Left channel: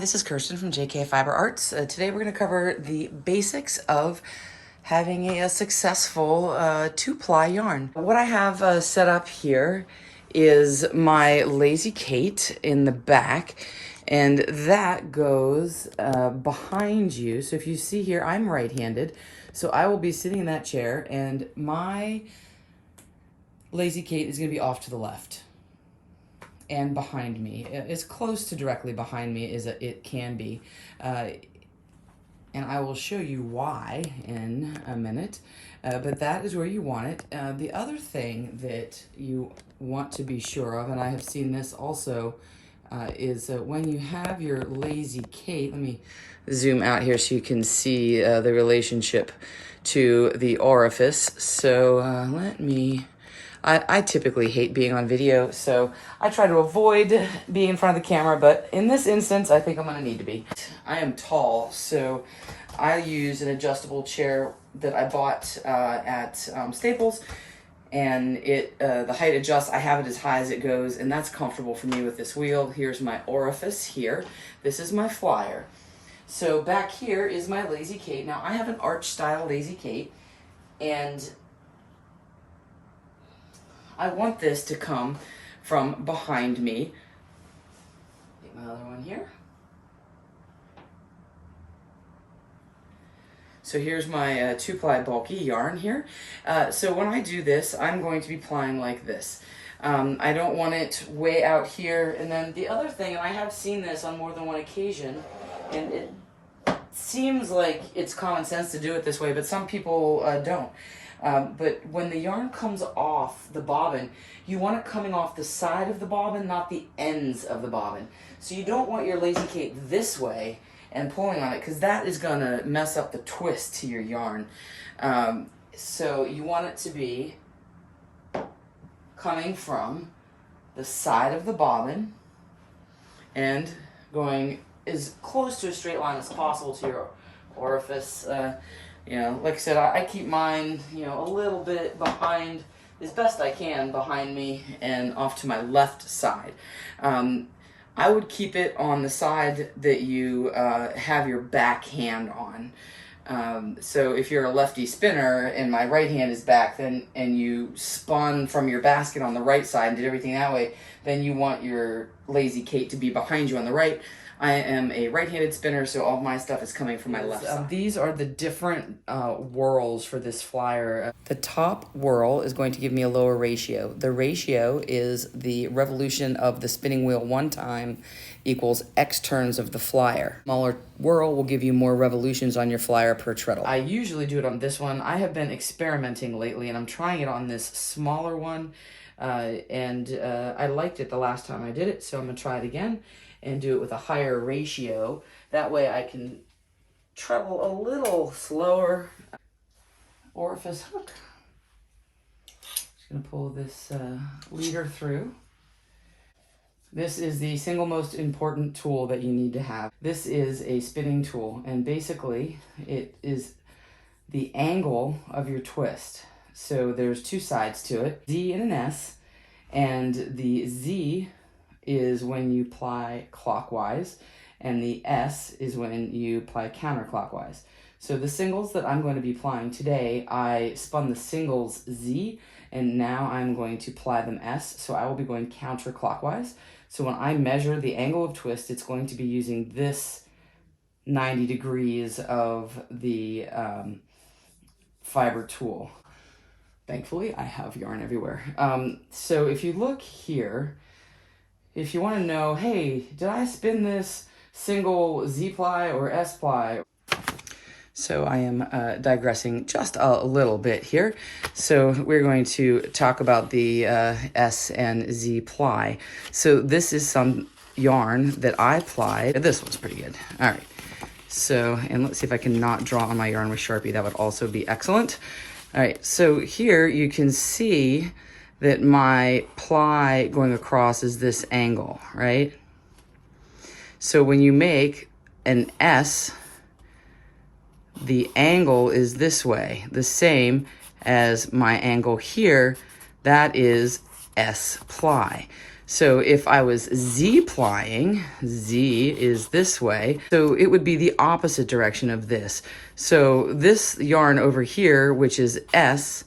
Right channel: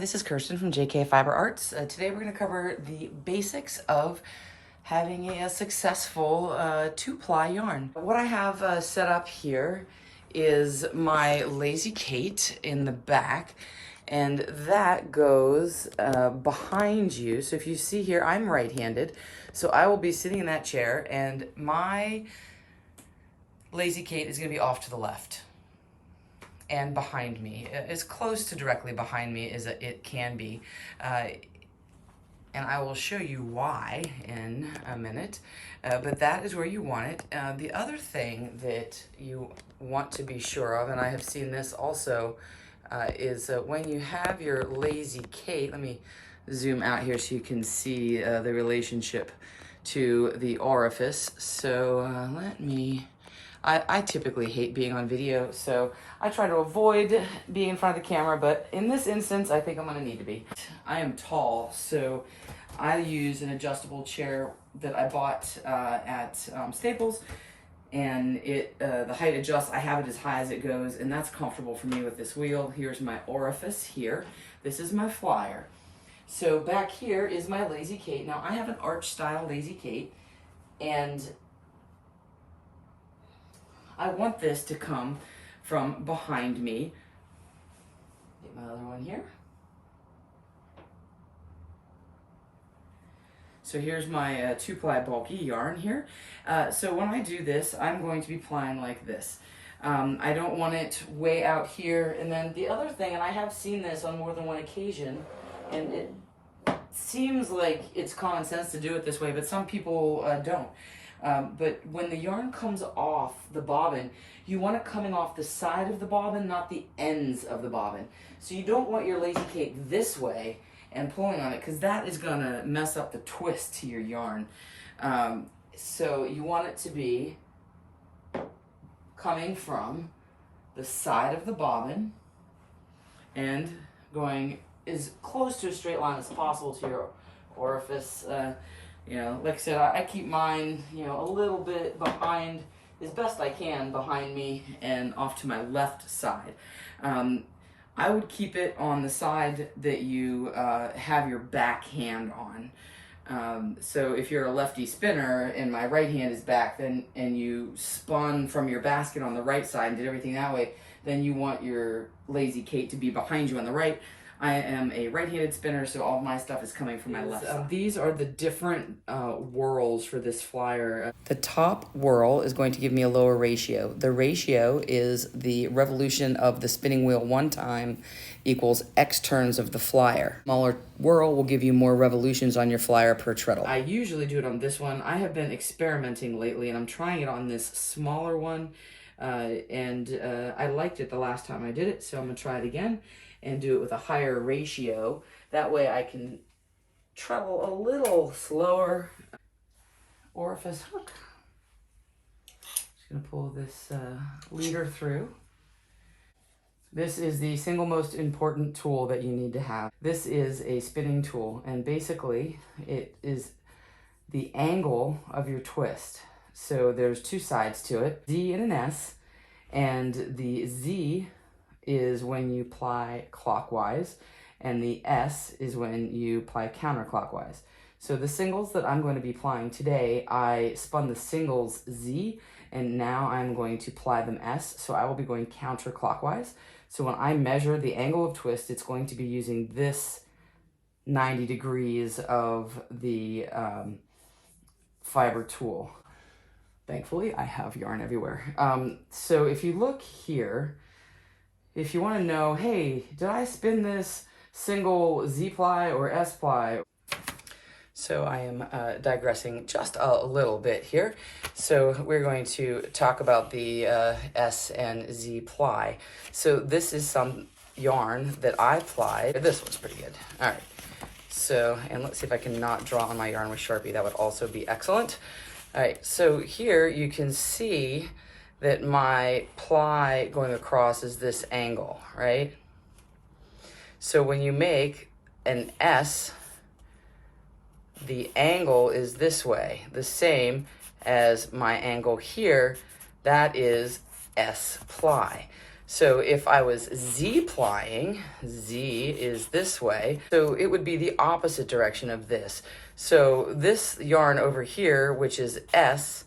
this is Kirsten from JK Fiber Arts. Today we're going to cover the basics of having a successful two-ply yarn. What I have set up here is my Lazy Kate in the back, and that goes behind you. So if you see here, I'm right-handed, so I will be sitting in that chair, and my Lazy Kate is going to be off to the left and behind me, as close to directly behind me as it can be. And I will show you why in a minute, but that is where you want it. The other thing that you want to be sure of, and I have seen this also, is when you have your Lazy Kate, let me zoom out here so you can see the relationship to the orifice. So let me, I typically hate being on video, so I try to avoid being in front of the camera, but in this instance, I think I'm gonna need to be. I am tall, so I use an adjustable chair that I bought at Staples, and the height adjusts. I have it as high as it goes, and that's comfortable for me with this wheel. Here's my orifice here. This is my flyer. So back here is my Lazy Kate. Now I have an arch style Lazy Kate, and I want this to come from behind me. Get my other one here. So here's my two-ply bulky yarn here. So when I do this, I'm going to be plying like this. I don't want it way out here. And then the other thing, and I have seen this on more than one occasion, and it seems like it's common sense to do it this way, but some people don't. But when the yarn comes off the bobbin, you want it coming off the side of the bobbin, not the ends of the bobbin. So you don't want your Lazy Kate this way and pulling on it, because that is going to mess up the twist to your yarn. So you want it to be coming from the side of the bobbin and going as close to a straight line as possible to your orifice. You know, like I said, I keep mine, you know, a little bit behind, as best I can, behind me and off to my left side. I would keep it on the side that you have your back hand on. So if you're a lefty spinner and my right hand is back, then and you spun from your basket on the right side and did everything that way, then you want your Lazy Kate to be behind you on the right. I am a right-handed spinner, so all of my stuff is coming from my left side. These are the different whirls for this flyer. The top whirl is going to give me a lower ratio. The ratio is the revolution of the spinning wheel one time equals X turns of the flyer. Smaller whirl will give you more revolutions on your flyer per treadle. I usually do it on this one. I have been experimenting lately, and I'm trying it on this smaller one, and I liked it the last time I did it, so I'm going to try it again and do it with a higher ratio. That way I can treble a little slower. Orifice hook. Just gonna pull this leader through. This is the single most important tool that you need to have. This is a spinning tool, and basically it is the angle of your twist. So there's two sides to it, Z and an S, and the Z is when you ply clockwise, and the S is when you ply counterclockwise. So the singles that I'm going to be plying today, I spun the singles Z, and now I'm going to ply them S, so I will be going counterclockwise. So when I measure the angle of twist, it's going to be using this 90 degrees of the fiber tool. Thankfully, I have yarn everywhere. So if you look here, if you want to know, hey, did I spin this single Z-ply or S-ply? So I am digressing just a little bit here. So we're going to talk about the S and Z-ply. So this is some yarn that I plied. This one's pretty good. All right. So, and let's see if I can not draw on my yarn with Sharpie. That would also be excellent. All right. So here you can see that my ply going across is this angle, right? So when you make an S, the angle is this way, the same as my angle here, that is S ply. So if I was Z-plying, Z is this way, so it would be the opposite direction of this. So this yarn over here, which is S,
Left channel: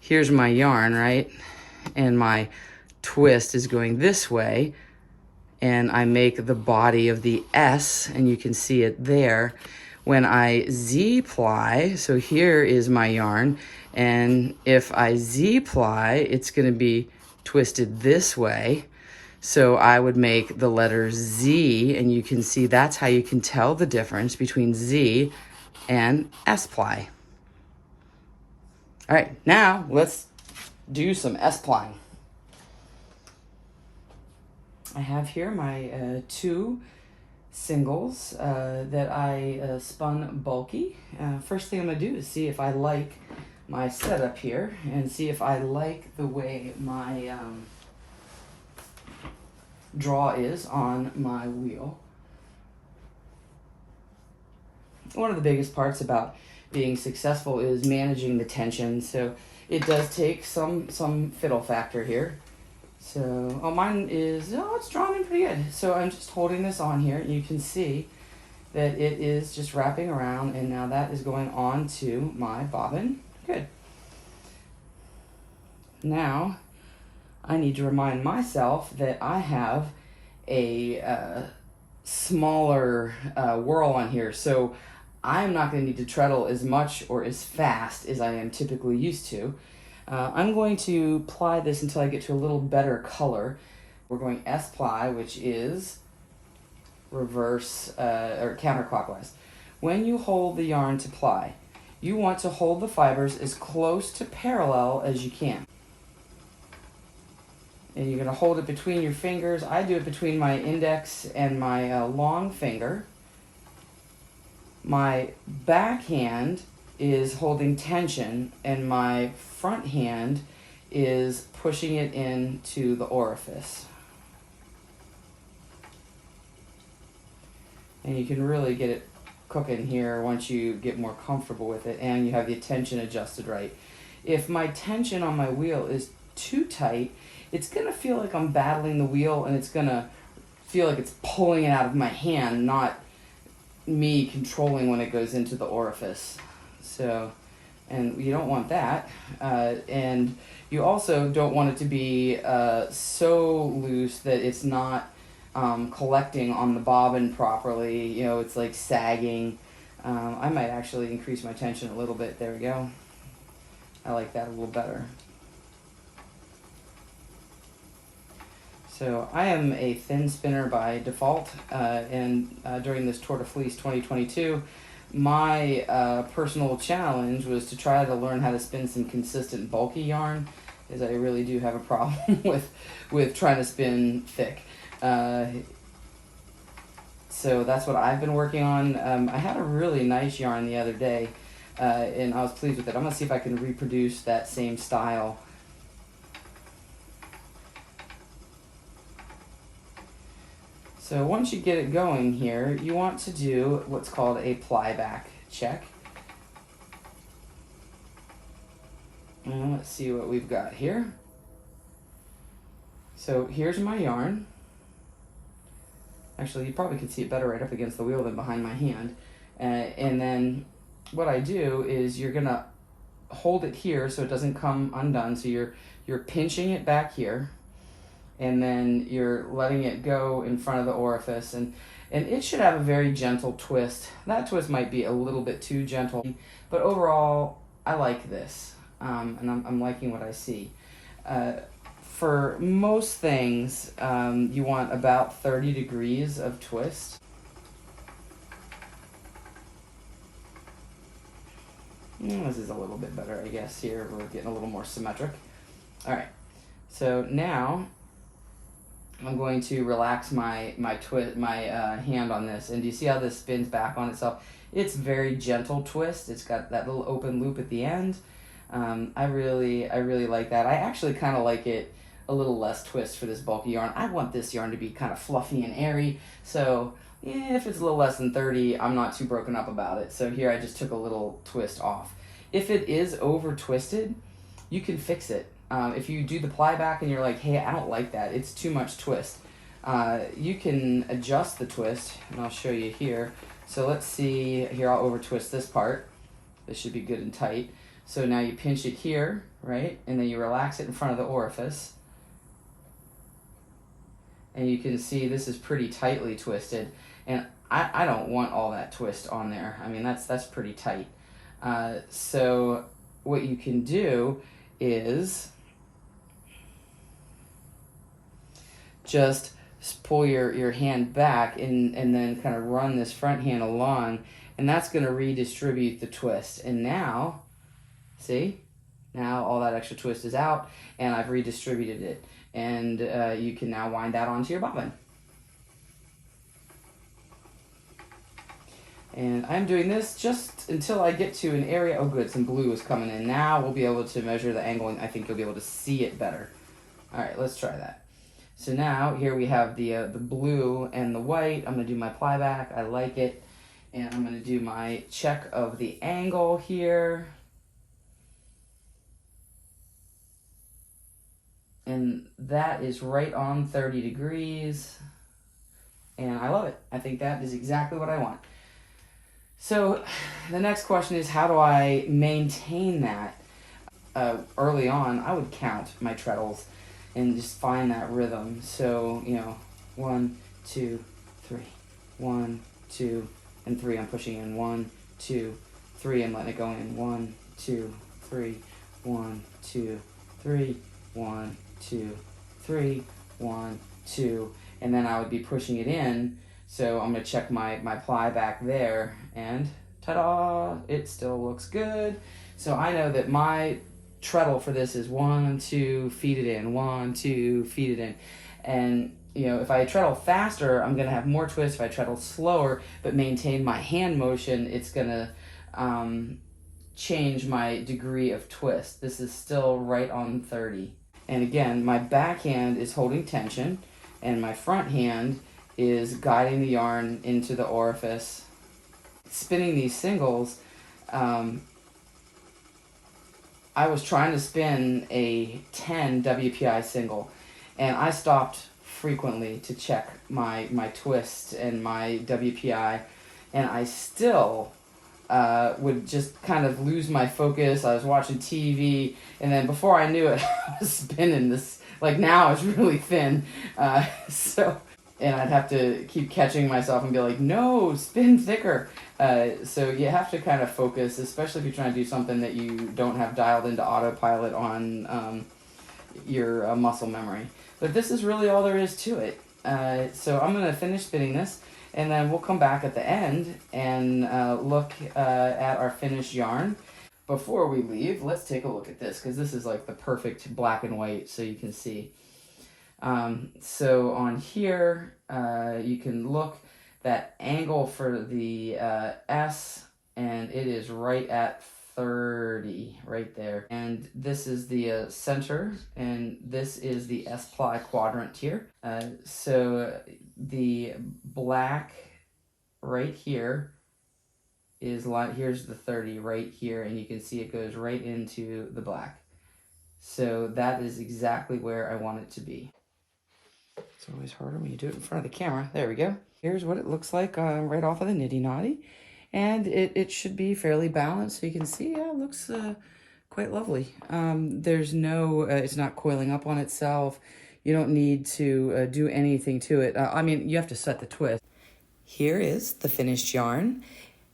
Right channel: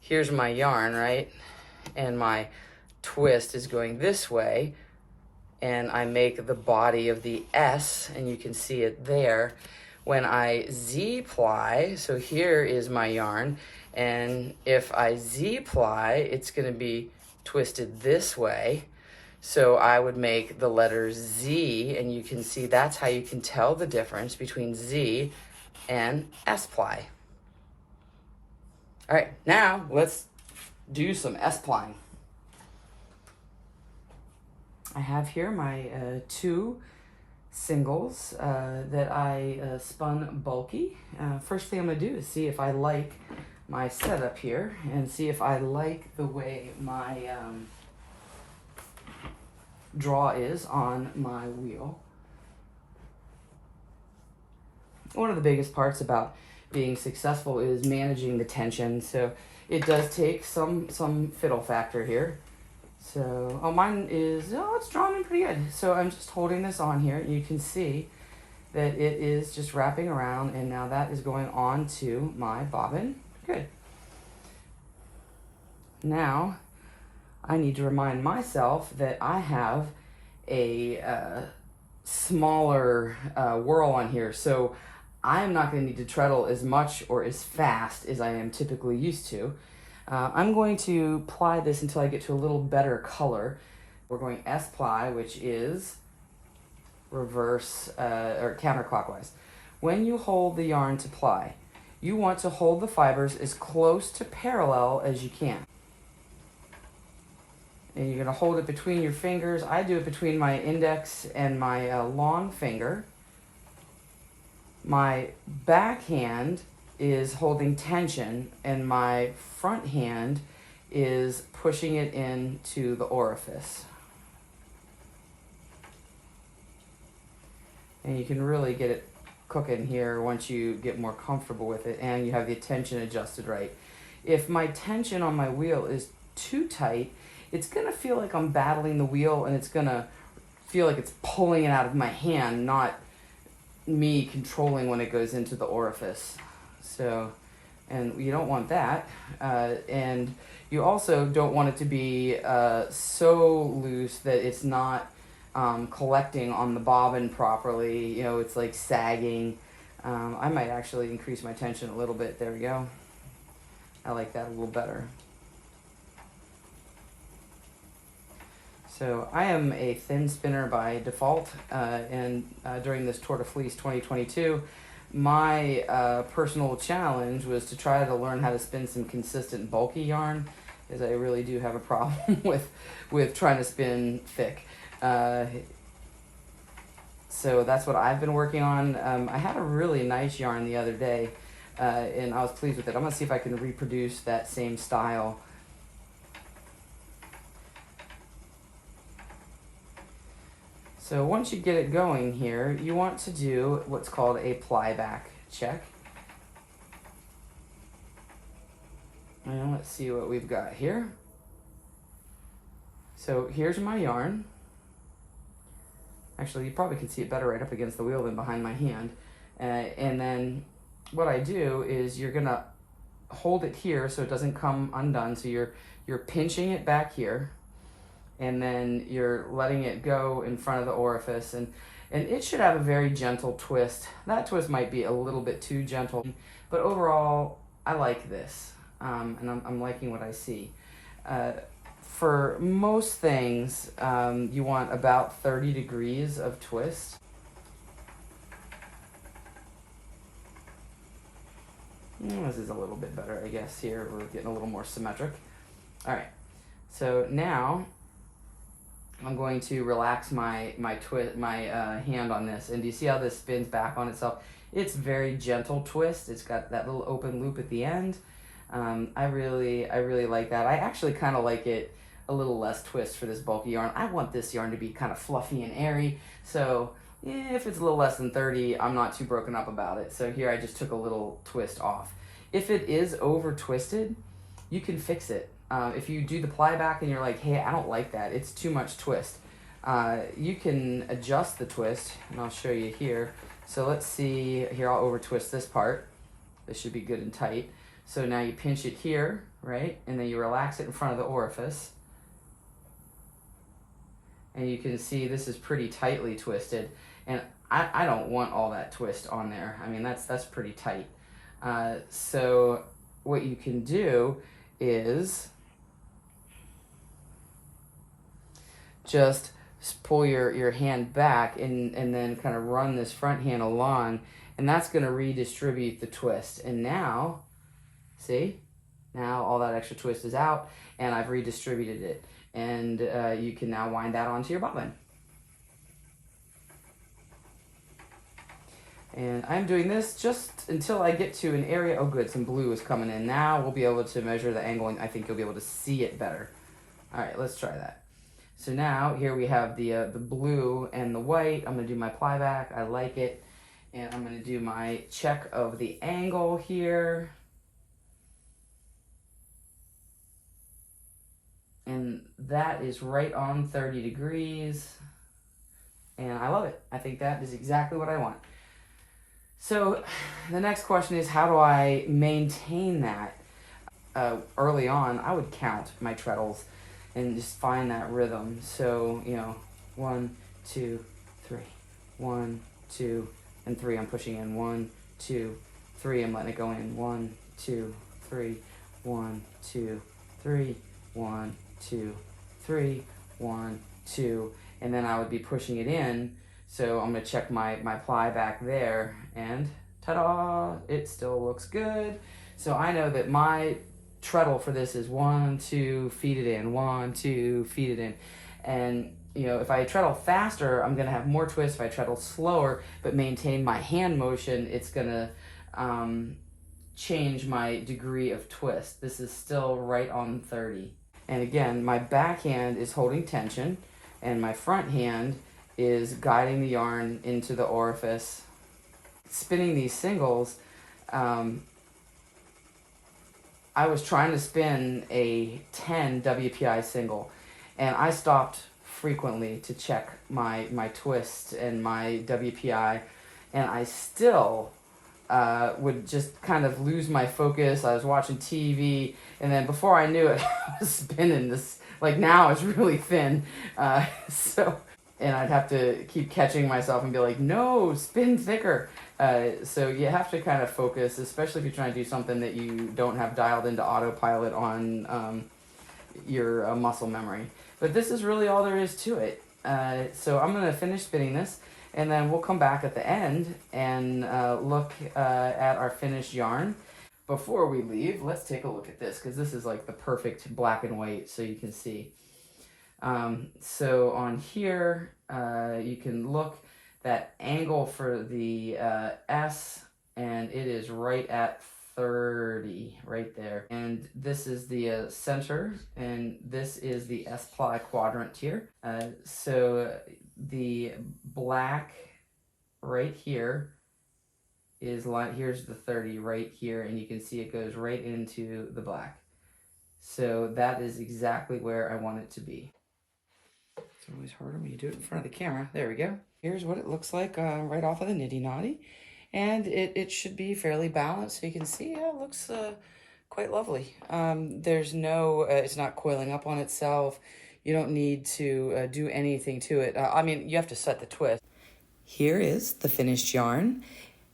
here's my yarn, right? And my twist is going this way, and I make the body of the S, and you can see it there. When I Z-ply, so here is my yarn, and if I Z-ply, it's gonna be twisted this way. So I would make the letter Z, and you can see that's how you can tell the difference between Z and S-ply. All right, now let's do some S-plying. I have here my 2 singles that I spun bulky. First thing I'm gonna do is see if I like my setup here and see if I like the way my draw is on my wheel. One of the biggest parts about being successful is managing the tension, so it does take some fiddle factor here. So, oh, mine is, it's drawn in pretty good. So I'm just holding this on here. You can see that it is just wrapping around, and now that is going on to my bobbin. Good. Now, I need to remind myself that I have a smaller whirl on here, so I am not going to need to treadle as much or as fast as I am typically used to. I'm going to ply this until I get to a little better color. We're going S-ply, which is reverse or counterclockwise. When you hold the yarn to ply, you want to hold the fibers as close to parallel as you can. And you're going to hold it between your fingers. I do it between my index and my long finger. My back hand is holding tension, and my front hand is pushing it into the orifice. And you can really get it cooking here once you get more comfortable with it and you have the tension adjusted right. If my tension on my wheel is too tight, it's gonna feel like I'm battling the wheel, and it's gonna feel like it's pulling it out of my hand, not me controlling when it goes into the orifice. So, and you don't want that. And you also don't want it to be so loose that it's not collecting on the bobbin properly. You know, it's like sagging. I might actually increase my tension a little bit. There we go. I like that a little better. So I am a thin spinner by default, and during this Tour de Fleece 2022, my personal challenge was to try to learn how to spin some consistent bulky yarn, because I really do have a problem with trying to spin thick. So that's what I've been working on. I had a really nice yarn the other day, and I was pleased with it. I'm going to see if I can reproduce that same style. So once you get it going here, you want to do what's called a ply back check. And let's see what we've got here. So here's my yarn. Actually, you probably could see it better right up against the wheel than behind my hand. And then what I do is you're gonna hold it here so it doesn't come undone. So you're pinching it back here, and then you're letting it go in front of the orifice, and it should have a very gentle twist. That twist might be a little bit too gentle, but overall, I like this, and I'm liking what I see. For most things, you want about 30 degrees of twist. This is a little bit better, I guess. Here, we're getting a little more symmetric. All right, so now I'm going to relax my hand on this, and do you see how this spins back on itself? It's very gentle twist. It's got that little open loop at the end. I really like that. I actually kind of like it a little less twist for this bulky yarn. I want this yarn to be kind of fluffy and airy, so yeah, if it's a little less than 30, I'm not too broken up about it. So here I just took a little twist off. If it is over twisted, you can fix it. If you do the ply back and you're like, hey, I don't like that, it's too much twist, you can adjust the twist, and I'll show you here. So let's see, here I'll over twist this part. This should be good and tight. So now you pinch it here, right? And then you relax it in front of the orifice. And you can see this is pretty tightly twisted. And I don't want all that twist on there. I mean, that's pretty tight. So what you can do is just pull your hand back and then kind of run this front hand along, and that's going to redistribute the twist. And now, see, now all that extra twist is out, and I've redistributed it. And you can now wind that onto your bobbin. And I'm doing this just until I get to an area. Oh good, some blue is coming in. Now we'll be able to measure the angle, and I think you'll be able to see it better. All right, let's try that. So now here we have the blue and the white. I'm gonna do my ply back, I like it. And I'm gonna do my check of the angle here. And that is right on 30 degrees. And I love it. I think that is exactly what I want. So the next question is, how do I maintain that? Early on, I would count my treadles and just find that rhythm. So, 1, 2, 3, 1, 2, and 3. I'm pushing in 1, 2, 3. I'm letting it go in 1, 2, 3, 1, 2, 3, 1, 2, 3, 1, 2, and then I would be pushing it in. So I'm gonna check my ply back there, and ta-da, it still looks good. So I know that my treadle for this is 1, 2, feed it in, 1, 2, feed it in. And if I treadle faster, I'm gonna have more twist. If I treadle slower but maintain my hand motion, it's gonna change my degree of twist. This is still right on 30. And again, my back hand is holding tension, and my front hand is guiding the yarn into the orifice. Spinning these singles, I was trying to spin a 10 WPI single, and I stopped frequently to check my twist and my WPI, and I still would just kind of lose my focus. I was watching TV, and then before I knew it, I was spinning this, like now it's really thin. And I'd have to keep catching myself and be like, no, spin thicker. So you have to kind of focus, especially if you're trying to do something that you don't have dialed into autopilot on your muscle memory. But this is really all there is to it. So I'm going to finish spinning this, and then we'll come back at the end and look at our finished yarn. Before we leave, let's take a look at this, because this is like the perfect black and white, so you can see. So on here, you can look that angle for the S, and it is right at 30, right there. And this is the center, and this is the S-ply quadrant here. So the black right here is here's the 30 right here, and you can see it goes right into the black. So that is exactly where I want it to be. It's always harder when you do it in front of the camera. There we go. Here's what it looks like right off of the Nitty Knotty. And it should be fairly balanced, so you can see it looks quite lovely. There's no, it's not coiling up on itself. You don't need to do anything to it. I mean, you have to set the twist. Here is the finished yarn.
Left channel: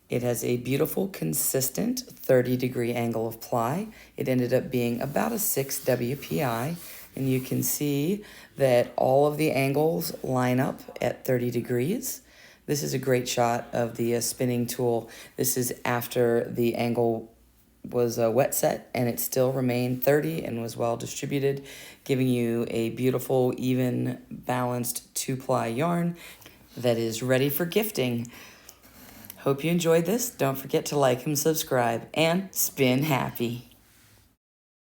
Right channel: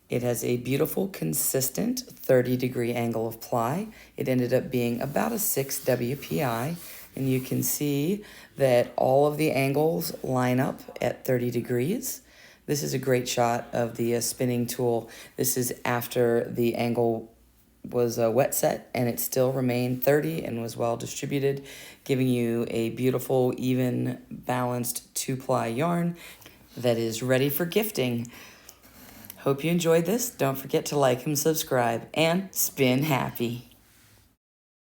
It has a beautiful, consistent 30-degree angle of ply. It ended up being about a 6 WPI. And you can see that all of the angles line up at 30 degrees. This is a great shot of the spinning tool. This is after the angle was wet set, and it still remained 30 and was well distributed, giving you a beautiful, even, balanced 2-ply yarn that is ready for gifting. Hope you enjoyed this. Don't forget to like and subscribe, and spin happy.